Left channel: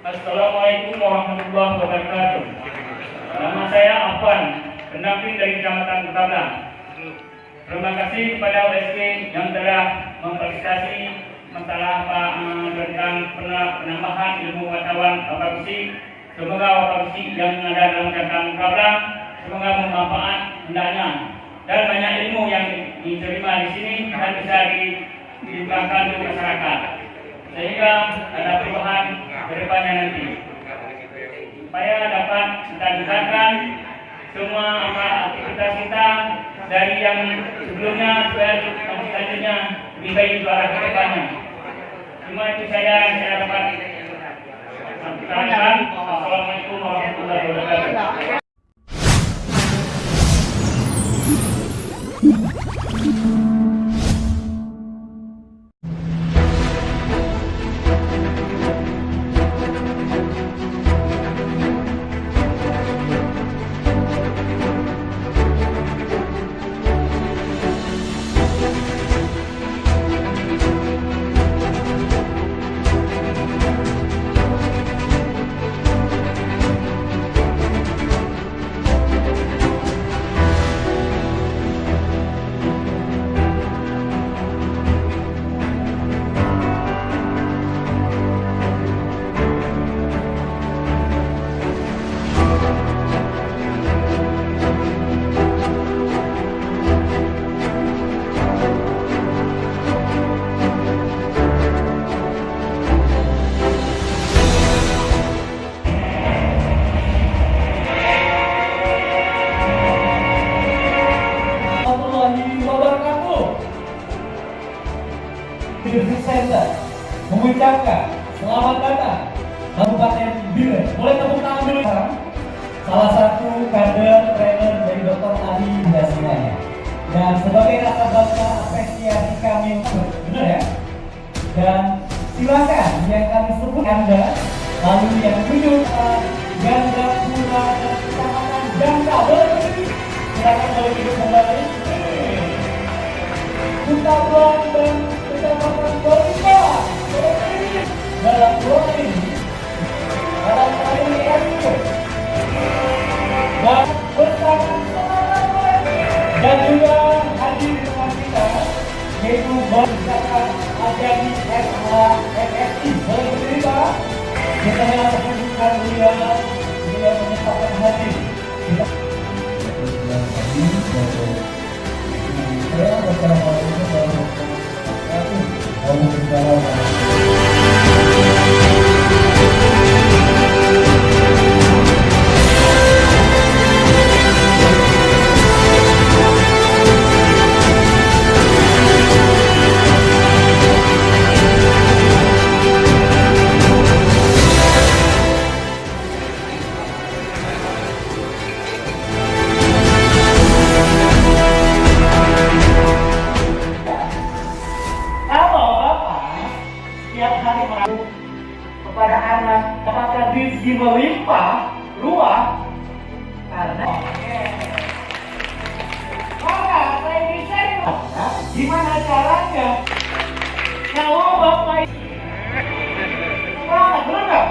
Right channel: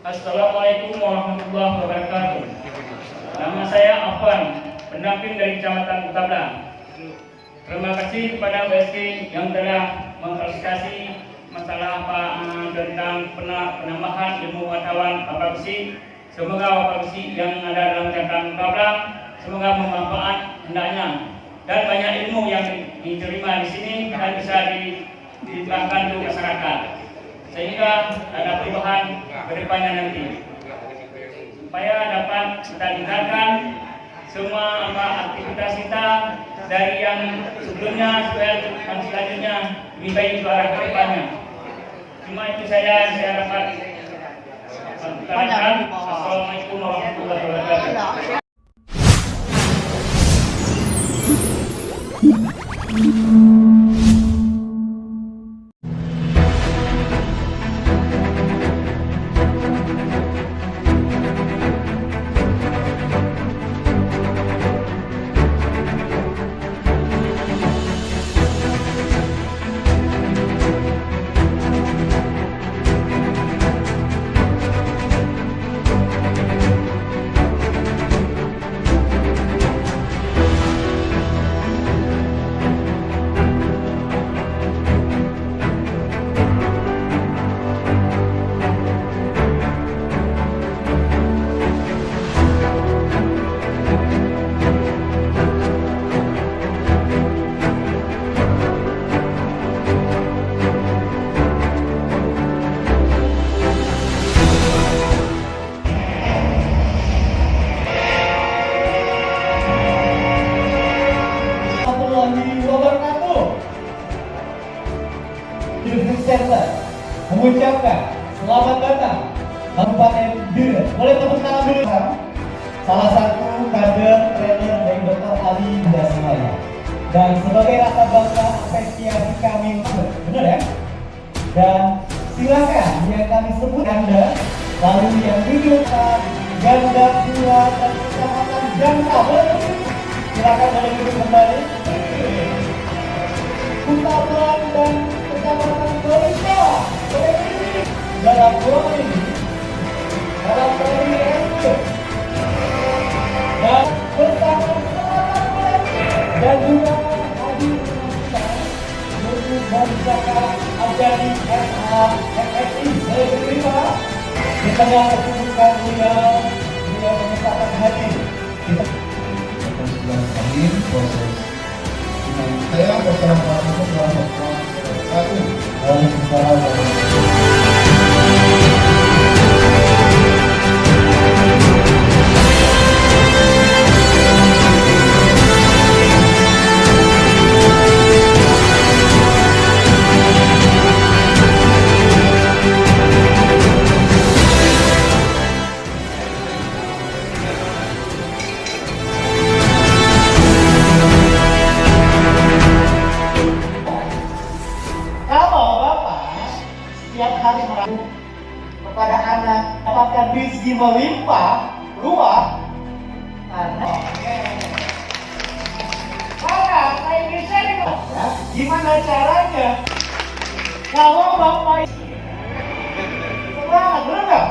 Assalamualaikum warahmatullahi wabarakatuh. Nama saya Afwan, pendamping dari Kecamatan Kutablang. Terima kasih kepada UST yang telah memfasilitasi masalah tentang penambahan ilmu wartawan Bapak Besi. Semoga Bapak Besi yang ada dalam Kecamatan Kutablang semoga bermanfaat hendaknya dan banyak ilmu yang diterima di sini dan bisa dilimpahkan ke masyarakat sehingga ada perubahan ke depannya nanti supaya dapat kita tingkatkan semua aktivitas kita dari yang sebelumnya supaya selanjutnya lebih baik ke arah ke depannya. Cuma itu saya dapat sampaikan. Assalamualaikum warahmatullahi wabarakatuh. Mengucapkan selamat datang Kabupaten Bire. Boleh tepuk tangan dulu. Salah satu kader trainer dari Dr. Ali Dasimaya. Dan sebagai rasa bangga apresiasi kami, benar ya? Dan silakan yang kami sebut Anda, lalu yang duduk Ganda Pura dan Kecamatan Ganda berdiri. Silakan dari duduk kembali. Kutablang dan Kecamatan Borista dalam ruang ini dalam kali ini dan bersama dan juga hadir dengan kita yaitu Bapak Ajari SHMSI saya terima di tengah kesibukan beliau menyempatkan hadir kita hadir saya bersama kepada anak apakah rezeki melimpah ruah karena saya bisa gimana caranya kalau bapak semangat benar nggak?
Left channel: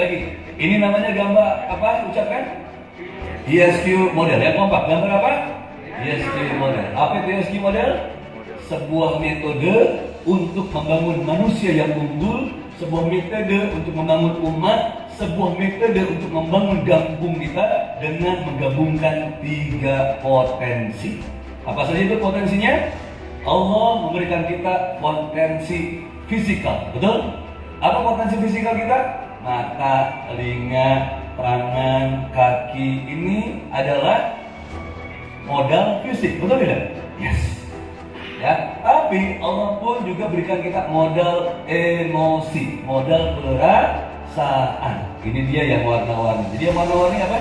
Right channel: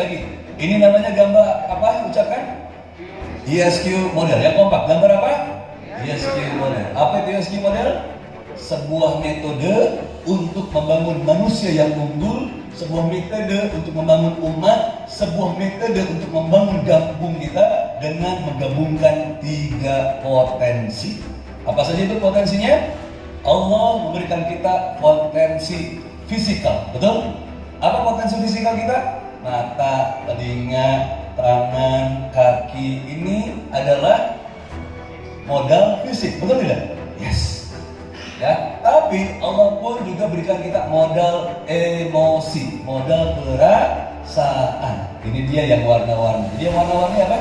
sekali lagi. Ini namanya gambar apa? Ucapkan? ESQ model. Yang kompak. Gambar apa? ESQ model. Apa itu ESQ model? Sebuah metode untuk membangun manusia yang unggul, sebuah metode untuk membangun umat, sebuah metode untuk membangun kampung kita dengan menggabungkan 3 potensi. Apa saja itu potensinya? Allah memberikan kita potensi fisikal, betul? Apa potensi fisikal kita? Mata, telinga, tangan, kaki, ini adalah modal fisik, betul tidak? Yes. Ya, tapi Allah pun juga berikan kita modal emosi, modal perasaan. Ini dia yang warna-warni. Jadi yang warna-warni apa?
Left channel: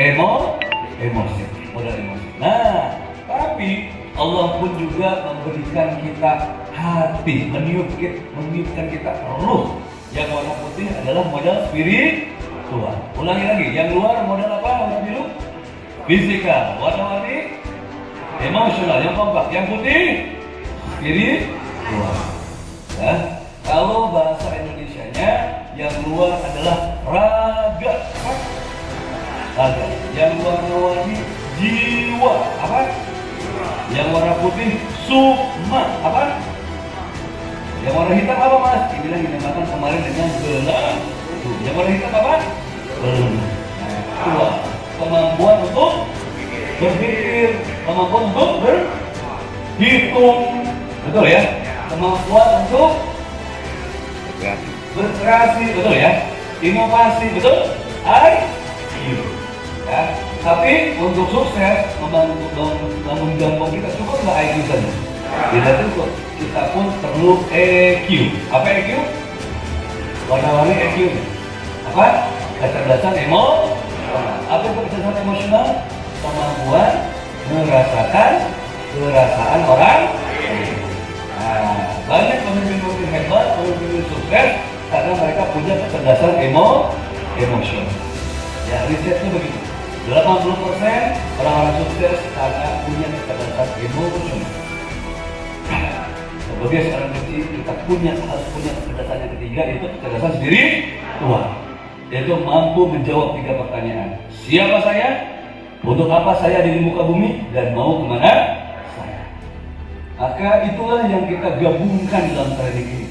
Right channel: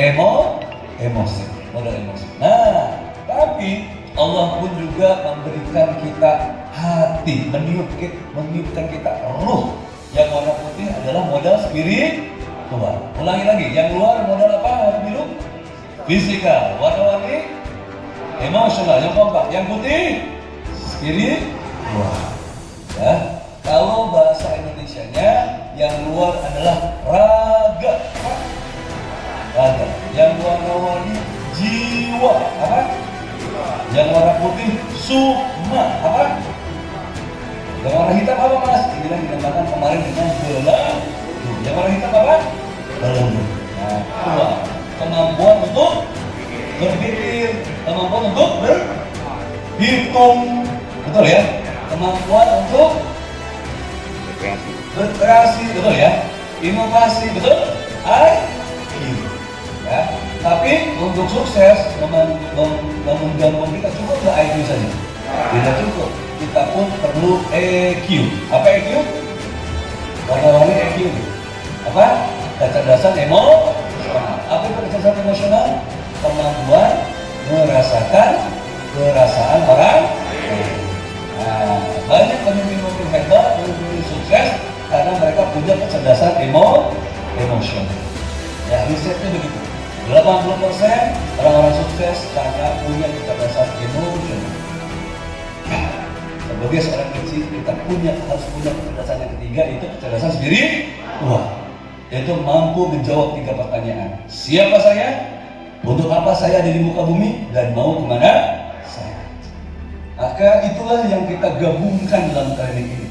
Emosi, modal emosi. Nah, tapi Allah pun juga memberikan kita hati, meniupkan kita ruh. Yang warna putih adalah modal spiritual. Ulangi lagi, yang luar modal apa? Warna biru? Fisikal. Warna-warni? Emosional. Yang kompak. Yang putih? Spiritual. Ya. Kalau bahasa Indonesianya, yang luar adalah raga. Raga. Yang warna-warni jiwa. Apa? Yang warna putih sukma. Apa? Yang warna hitam apa mas? Ini yang dinamakan kemarin dengan belang. Yang warna hitam apa? Belang. Nah, dua. Kemampuan untuk berpikir, kemampuan untuk berhitung, betul ya? Kemampuan untuk berkreasi, betul ya? Inovasi, betul? IQ. Ya. Tapi untuk sukses membangun kampung kita cukup nggak IQ saja? Tidak cukup. Kita pun perlu EQ. Apa EQ? Warna-warni EQ. Apa? Kecerdasan emosional. Apa itu kecerdasan emosional? Kemampuan merasakan perasaan orang. Nah, banyak pemimpin-pemimpin hebat, pemimpin sukses karena mereka punya kecerdasan emosional. Ya, risetnya begitu. 80% orang-orang sukses karena punya kecerdasan emosional. Sebagai seorang kecil, kita harus punya kecerdasan yang ketiga, yaitu kecerdasan spiritual, yaitu mampu menjawab 3 pertanyaan. Siapa saya? Untuk apa saya di muka bumi? Dan mau kemana saya? Maka itulah yang kita gabungkan dalam training ini,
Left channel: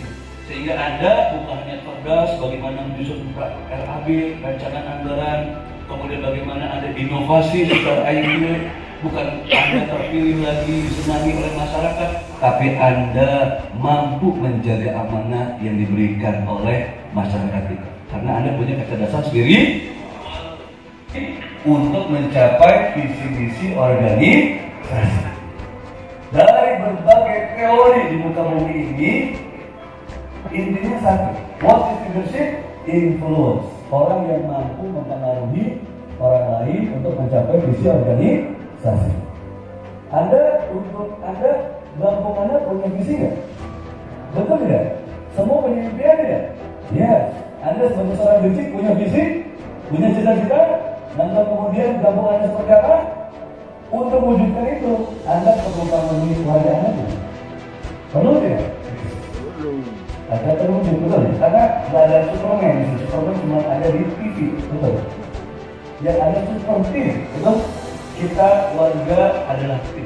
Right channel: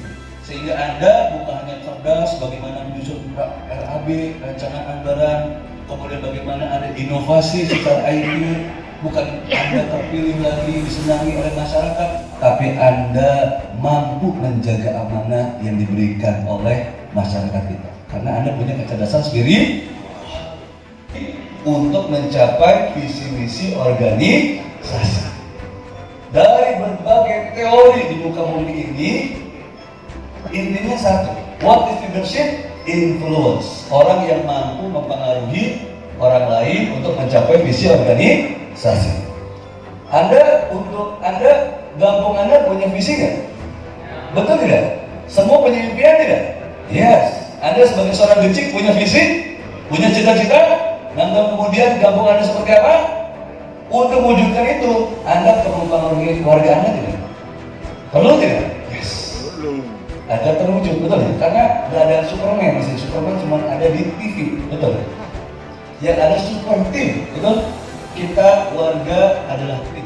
sehingga Anda bukan hanya cerdas bagaimana menyusun RAB, rancangan anggaran, kemudian bagaimana ada inovasi secara IQ. Bukan Anda terpilih lagi, disenangi oleh masyarakat, tapi Anda mampu menjaga amanah yang diberikan oleh masyarakat kita. Karena Anda punya kecerdasan spiritual untuk mencapai visi misi organisasi. Dari berbagai teori di muka bumi ini, intinya satu. What is leadership? Influence. Orang yang mampu mempengaruhi orang lain untuk mencapai visi organisasi. Gabung Anda punya visi nggak? Betul tidak? Semua punya impian tidak? Yes. Anda sebagai seorang gecik punya visi, punya cita-cita. Nanti kemudian gabung Anda seperti apa? Untuk mewujudkan itu, Anda perlu mempengaruhi warga Anda tidak? Perlu tidak? Yes. Agar terwujud, betul ya? Karena nggak ada Superman, Superman cuma ada di TV, betul? Yang ada super team, betul? Kita warga adalah tim.